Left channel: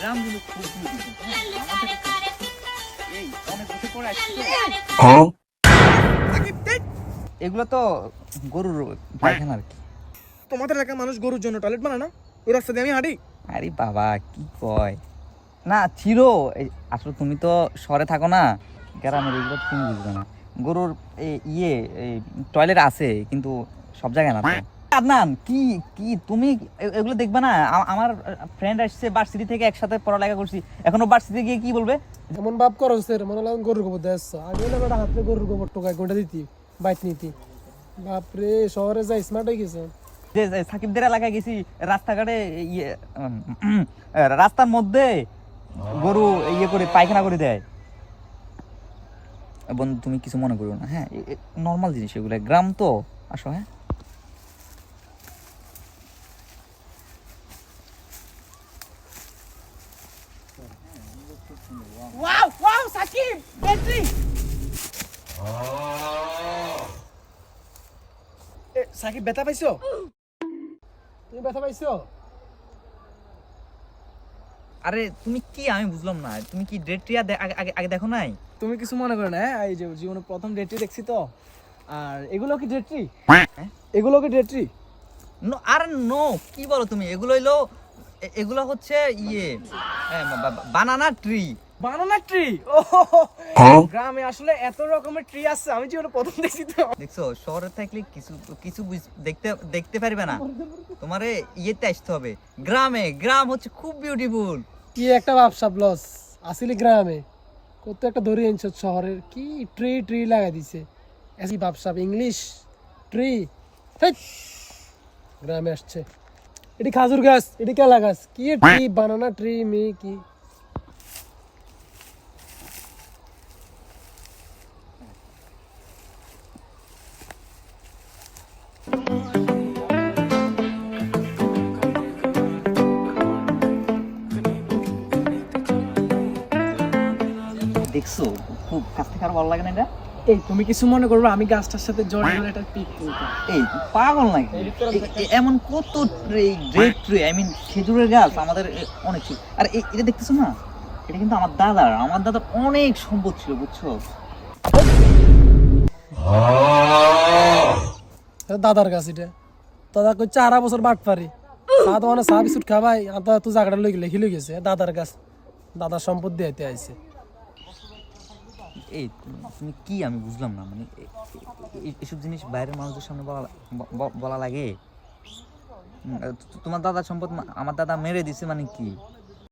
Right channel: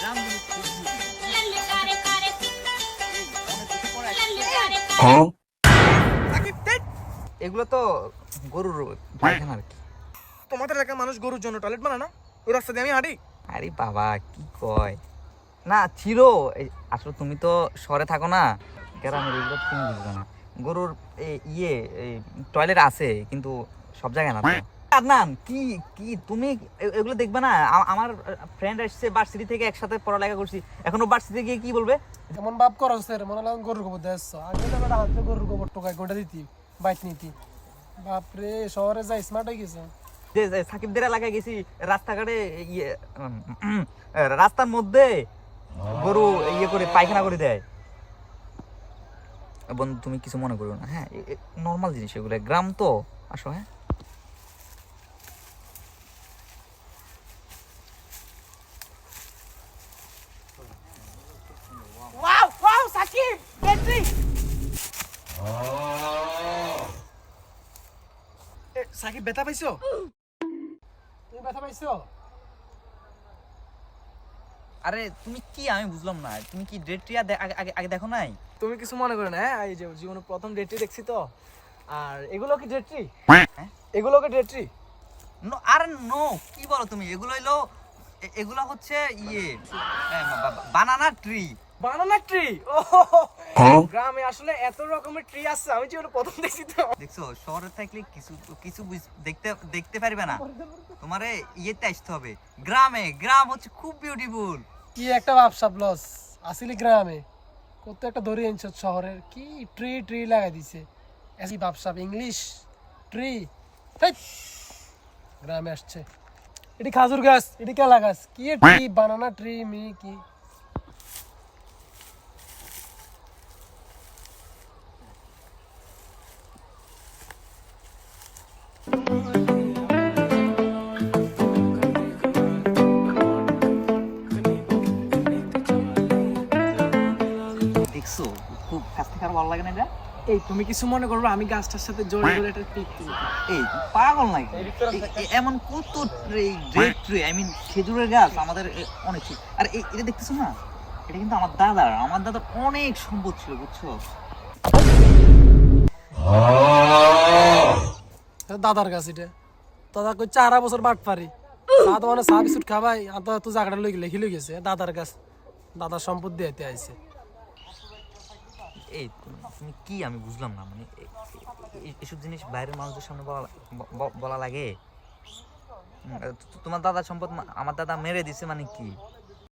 গ্রামগুলো খুব এগুলো তো গরুর পায়খানা আর কি। তোমাদের এলাকার মানুষ গরুর জন্য টয়লেট বানায় না? ওই রাস্তা দিয়ে আমি হাঁটি। আরে বাবা কি কয় না ছিল। আসলে তুমি তো শহরে থাকো না, গ্রামের এগুলো তো তুমি বুঝবে না। গরুর টয়লেট আছে কিন্তু সব জায়গায় না তো। আদনান কি কি তুমি এগুলো দেখবে না? আমার ফ্রেন্ড আসছে ভার্সিটি থেকে, একসাথে পড়ালেখা করছি, এখনো ভার্সিটিতে গিয়ে কি বলবে? এমন ভাব করো স্যার, মনে লাগলো গরুর গোবর দিয়ে আসছো। আগে না বেটা হাতে গরুর গোবর টোকায় গোটা দিতি, বাইক নিতি। বাপরে, শহরে যাই স্মার্ট হয়ে গেছে। যে সাকিবদের এলাকায় গেছি, রাস্তাঘাটে রাস্তার মধ্যে গরু করে পায়খানা করে দেয়। বন্ধু তুমি কিছু মনে করো না, হ্যাঁ নর্মাল জিনিস এগুলো, গ্রাম তো। আসো হ্যাঁ, wow wow Sakib battery. Sakib ব্যথা পাইছো? তুমি ব্যথা পাইছো? আরে তুমি কি, আমি বুঝলাম না, তুমি কি ডেট ট্রিয়া আগে আগে দেখো নাই? তুমি কিছু মনে করো না, হ্যাঁ? এই যে জীবনে প্রথম ডেট্রি দেখছি তো। আর এগুলো কি ডেট্রি? হ্যাঁ এগুলো কি ডেট্রি? আর নো, কি বলো তুমি? এগুলো হইলো এগুলো হচ্ছে বানানা ট্রি। বানানা ট্রি? গ্রামে আসলে এত রকমের ট্রি আছে, আমি জীবনে প্রথম দেখছি তো। দেখছো, শহরে থাকলে কিছু কিছু দেখতে দেখতে পারবে না, তোমারে ইয়েতে আসতে হবে গ্রামে। গ্রাম হচ্ছে খুব বিউটিফুল। কি একটা ব্যবসা লস আসলে গ্রামে। কত একটা ধরে আনছো শহরের, কি ট্রি ট্রি লাগাই দিছে। এসি ব্যবসা ইংলিশ ট্রি। গ্রামে আসছে এটি খাজুর গাছ, এটি কেলা গাছ, কি ট্রি? বানানা ট্রি মি কি? দেখছো, খুব কাছ থেকে আর ভালো লাগে না এটা। এই তুমি কিছু মনে করবে, আমি গাছটার সাথে জড়িয়ে ধরে একটা পিক তুলছি। এই পাগল নাকি? এমন কত ট্রি, আই মিন খেজুরের গাছ আমাদের অনেক ছিল। আর এটা দেখতেছো না, এটা কিন্তু আমার দাদার অনেক সম্পদ ছিল, বুঝছো? এটা দাদার গাছ। এটা দাদা কই 4 বছর বাট পারি দাদা মানে চা বিস্কুট খাবাই আদা তো জায়গাটা লেখি লই গেছে। দাদার গাছ, দাদার সম্পদ দিতে আইছে। এই তুমি কি, আমি বুঝলাম না, মানে এসব জিনিস বাইরের মানুষদের সামনে বলা লাগে? তোমার দাদার সম্পদ আমার দাদা মেরে দিছে মানে কি?